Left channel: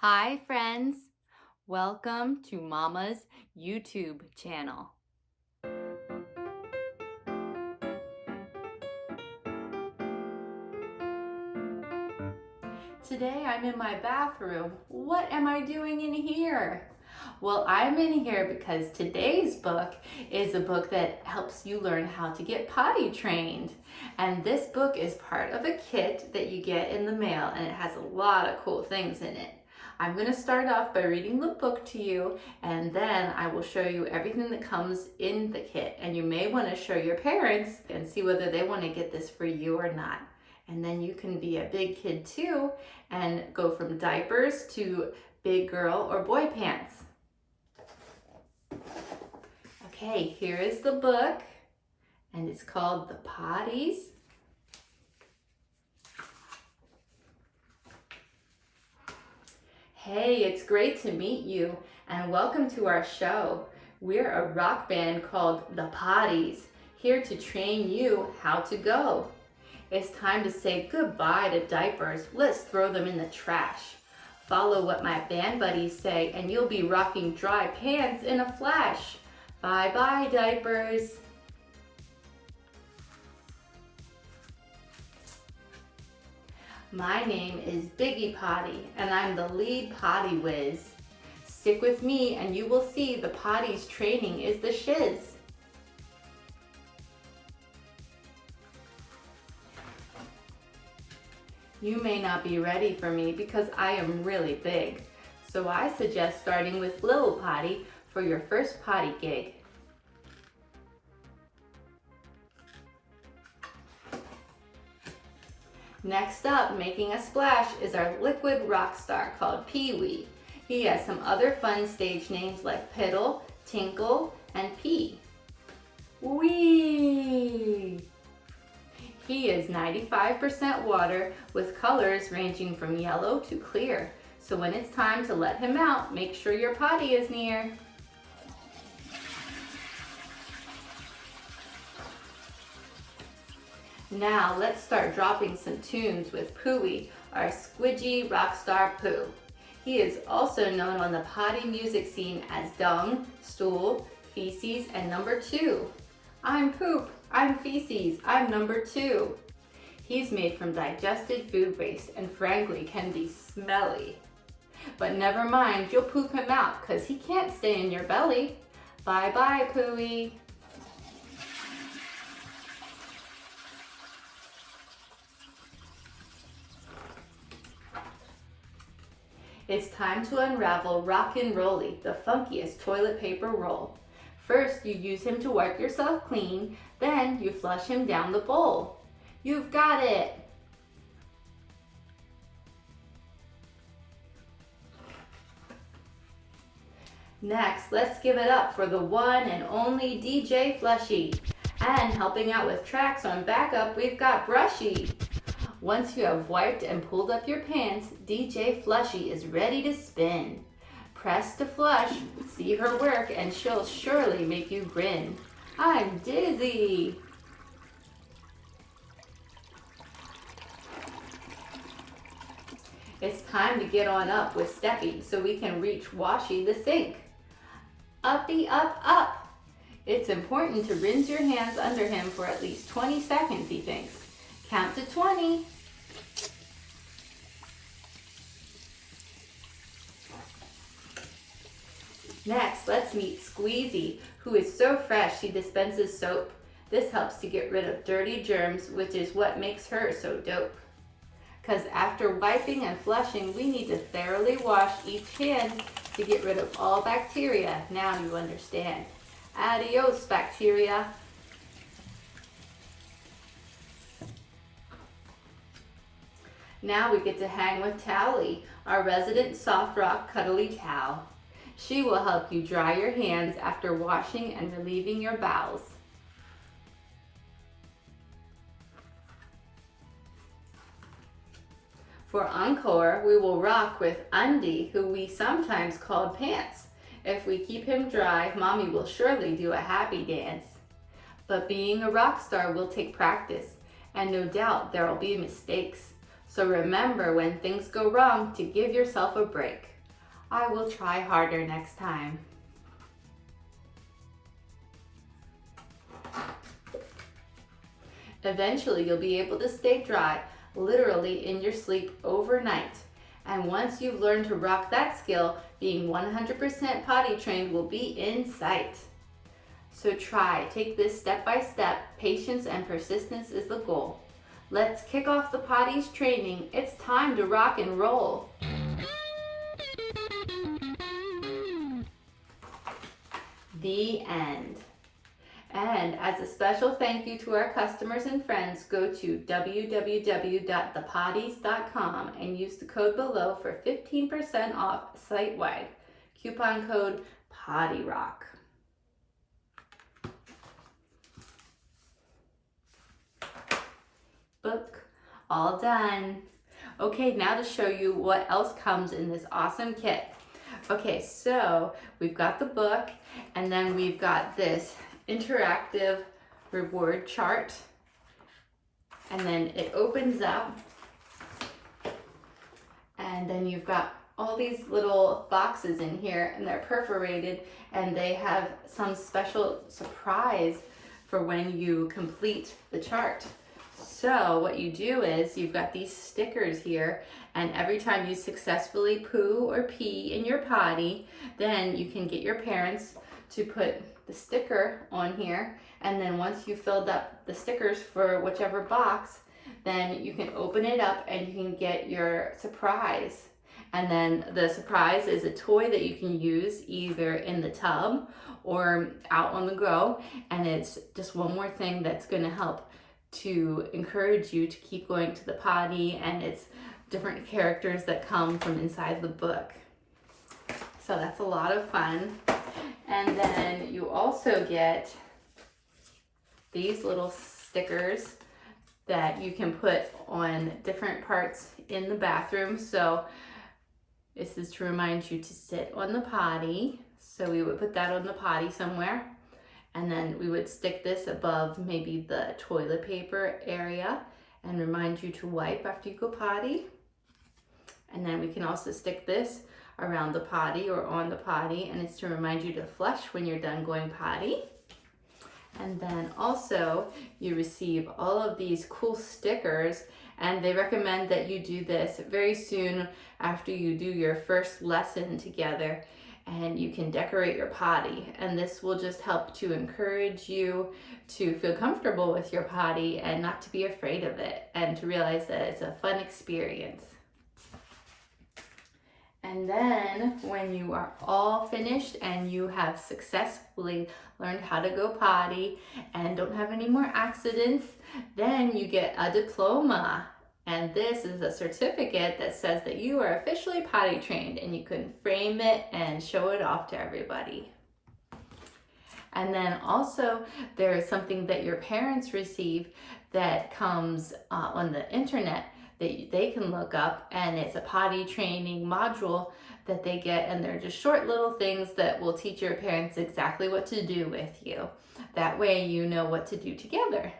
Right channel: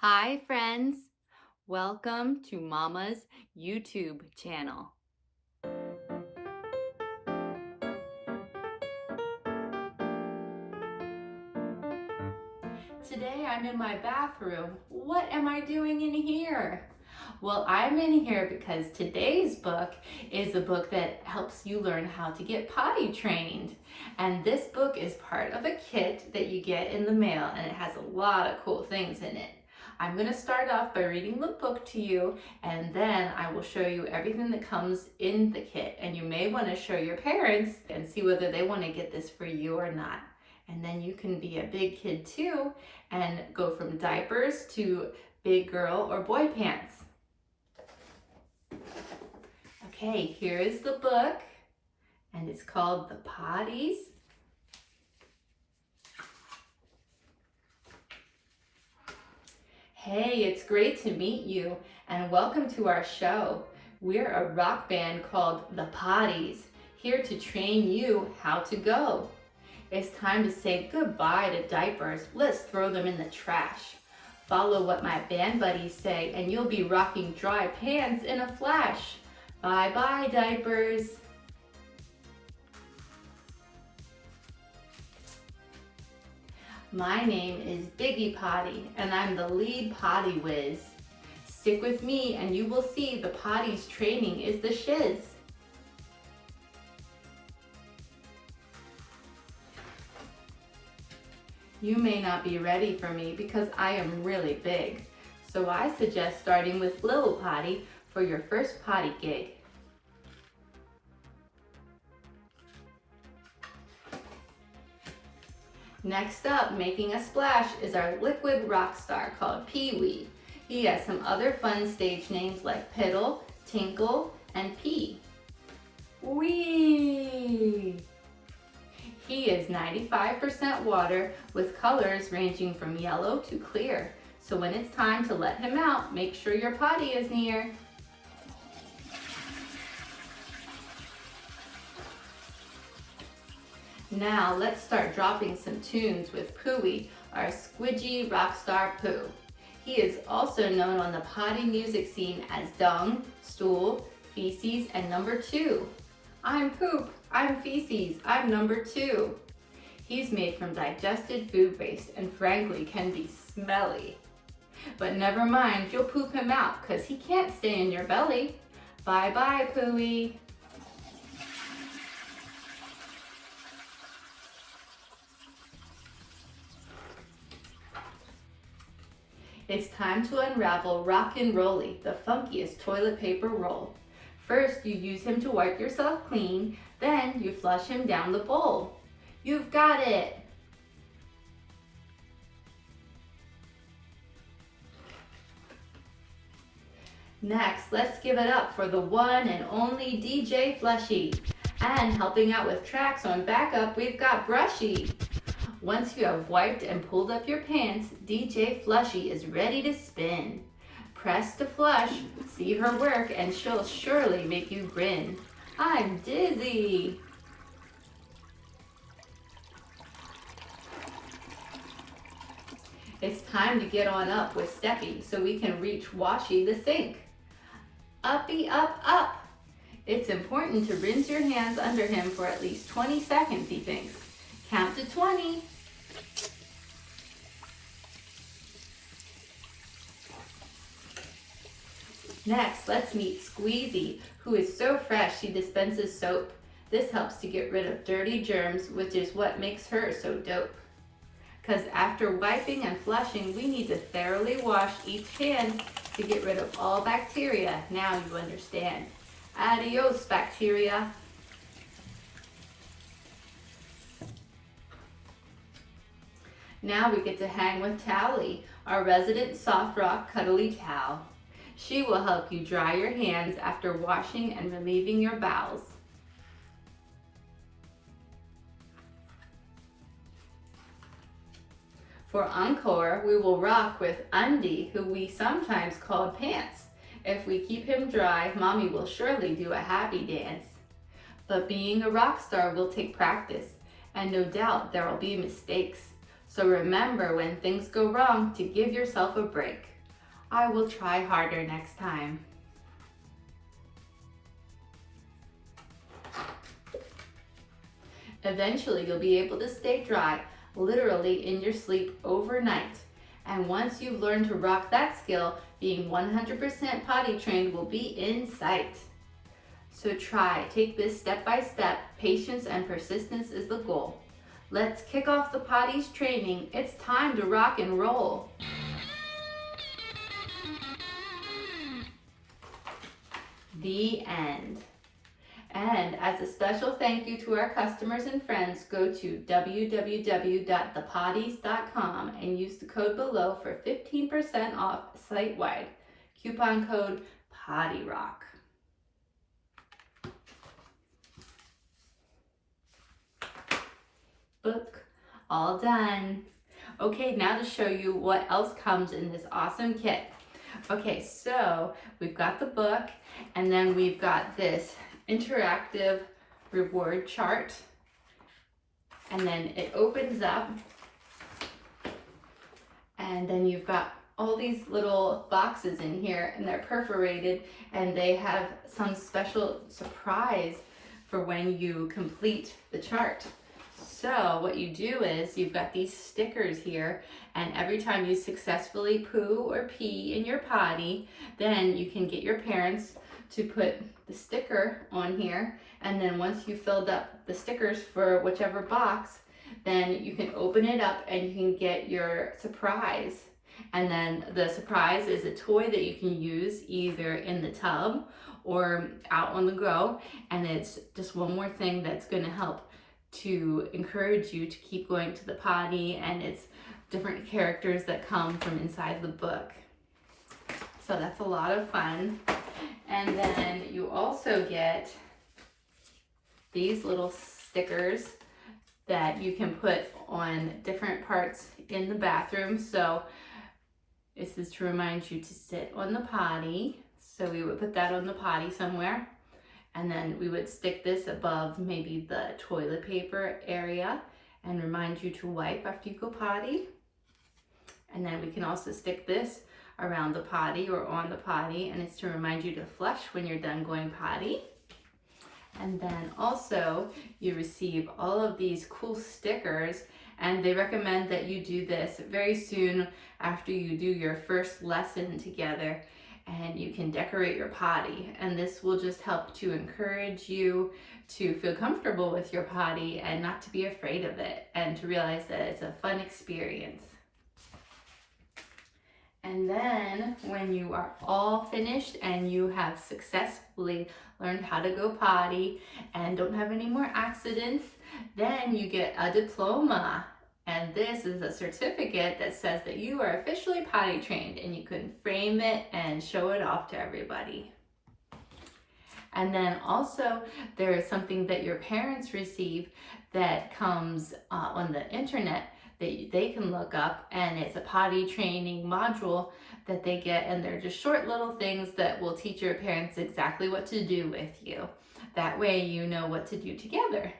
Hi friends, welcome to Mama's YouTube channel. Today I'm in my bathroom. What am I doing in here? Well, I'm in here because today's book is a book that helps you learn how to get potty trained. And this book is part of a kit that you get in the mail, and it has a lot of cool things in it. I'm going to start off by reading the book to you, and then I will show you everything that comes in the kit. And you may want to show your parents and see whether they want to get this for you or not. And then you can be a big kid too and go from diapers to big girl or boy pants. Okay, here is the book, and it's called The Pottys. Hey, it's great to meet you, and welcome to our show. We're a rock band called The Pottys, here to train you how to go. It's time to say goodbye to diapers. Let's throw them in the trash. Follow what my band buddies say, and you'll be rocking dry pants in a flash. Bye-bye, diapers. My name is Biggie Potty, and I'm the lead potty whiz. Stick with me, and you will see the potty's training is the shiz. You may not be ready for me because I am really big. So I suggest starting with Little Potty for your first potty gig. Next up, making a splash, is our liquid rock star called Pee-wee. He has some other fun stage names like Piddle, Tinkle, and Pee. Wee! He is 95% water with colors ranging from yellow to clear. So when it's time to let him out, make sure your potty is near. Now let's start dropping some tunes with Pooey, our squidgy rock star Pooh. He is also known on the potty music scene as Dung, Stool, Feces, and Number 2. I'm poop, I'm feces, I'm number 2. He's made from digested food waste and frankly can be smelly. But never mind, you'll poop him out because he can't stay in your belly. Bye-bye, Pooey. It's time to unravel Rockin' Rolly, the funkiest toilet paper roll. First, you use him to wipe yourself clean, then you flush him down the bowl. You've got it! Next, let's give it up for the one and only DJ Flushy. And helping out with tracks on backup, we've got Brushy. Once you have wiped and pulled up your pants, DJ Flushy is ready to spin. Press to flush, see her work, and she'll surely make you grin. I'm dizzy! It's time to get on up with Steppy so we can reach Washy the sink. Uppy up up! It's important to rinse your hands under him for at least 20 seconds, he thinks. Count to 20. Next, let's meet Squeezy, who is so fresh she dispenses soap. This helps to get rid of dirty germs, which is what makes her so dope. Because after wiping and flushing, we need to thoroughly wash each hand to get rid of all bacteria. Now you understand. Adios, bacteria. Now we get to hang with Tally, our resident soft rock cuddly towel. She will help you dry your hands after washing and relieving your bowels. For encore, we will rock with Undy, who we sometimes call Pants. If we keep him dry, Mommy will surely do a happy dance. But being a rock star will take practice, and no doubt there will be mistakes. So remember, when things go wrong, to give yourself a break. I will try harder next time. Eventually, you'll be able to stay dry, literally in your sleep overnight. And once you've learned to rock that skill, being 100% potty trained will be in sight. So take this step by step. Patience and persistence is the goal. Let's kick off the Pottys training. It's time to rock and roll. The end. And as a special thank you to our customers and friends, go to www.thepottys.com and use the code below for 15% off site-wide. Coupon code POTTYROCK. Book all done. Okay, now to show you what else comes in this awesome kit. Okay, so we've got the book, and then we've got this interactive reward chart, and then it opens up, and then you've got all these little boxes in here, and they're perforated, and they have some special surprise for when you complete the chart. So what you do is you've got these stickers here, and every time you successfully poo or pee in your potty, then you can get your parents to put the sticker on here, and then once you filled up the stickers for whichever box, then you can open it up and you can get your surprise. And then the surprise is a toy that you can use either in the tub or out on the go, and it's just one more thing that's going to help to encourage you to keep going to the potty, and it's different characters that come from inside the book. So that's a lot of fun. And then you also get these little stickers that you can put on different parts in the bathroom. So this is to remind you to sit on the potty. So we would put that on the potty somewhere. And then we would stick this above maybe the toilet paper area and remind you to wipe after you go potty. And then we can also stick this around the potty or on the potty, and it's to remind you to flush when you're done going potty. And then also you receive all of these cool stickers, and they recommend that you do this very soon after you do your first lesson together, and you can decorate your potty. And this will just help to encourage you to feel comfortable with your potty and not to be afraid of it, and to realize that it's a fun experience. And then when you are all finished and you have successfully learned how to go potty and don't have any more accidents, then you get a diploma. And this is a certificate that says that you are officially potty trained, and you can frame it and show it off to everybody. And then also there is something that your parents receive that comes on the internet that they can look up, and it's a potty training module that they get, and they're just short little things that will teach your parents exactly what to do with you. That way you know what to do together.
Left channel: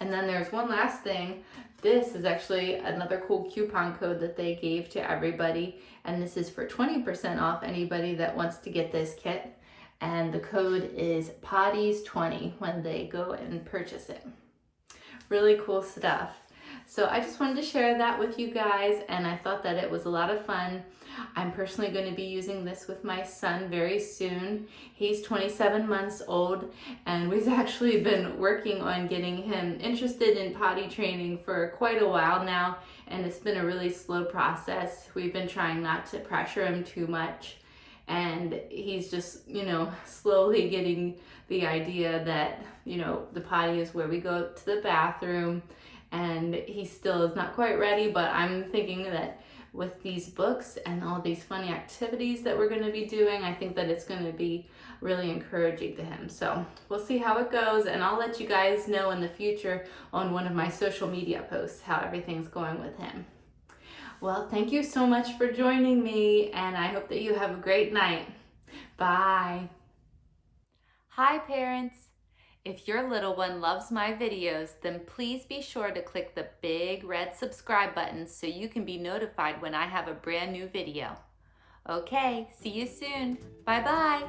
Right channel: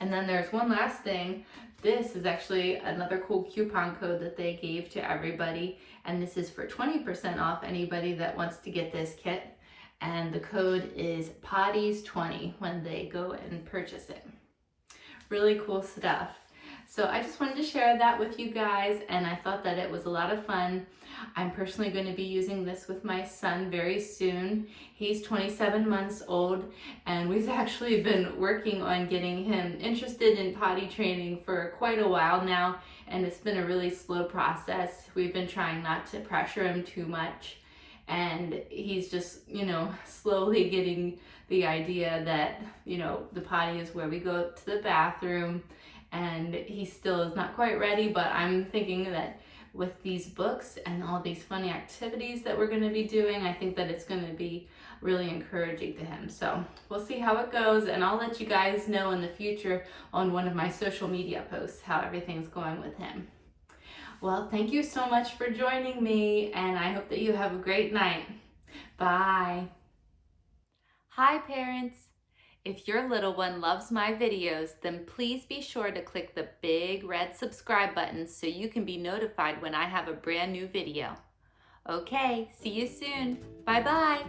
And then there's one last thing. This is actually another cool coupon code that they gave to everybody, and this is for 20% off anybody that wants to get this kit. And the code is Pottys20 when they go and purchase it. Really cool stuff. So I just wanted to share that with you guys, and I thought that it was a lot of fun. I'm personally going to be using this with my son very soon. He's 27 months old, and we've actually been working on getting him interested in potty training for quite a while now, and it's been a really slow process. We've been trying not to pressure him too much, and he's just, slowly getting the idea that, the potty is where we go to the bathroom, and he still is not quite ready, but I'm thinking that with these books and all these funny activities that we're going to be doing, I think that it's going to be really encouraging to him. So we'll see how it goes, and I'll let you guys know in the future on one of my social media posts how everything's going with him. Well, thank you so much for joining me, and I hope that you have a great night. Bye. Hi, parents. If your little one loves my videos, then please be sure to click the big red subscribe button so you can be notified when I have a brand new video. Okay, see you soon. Bye-bye.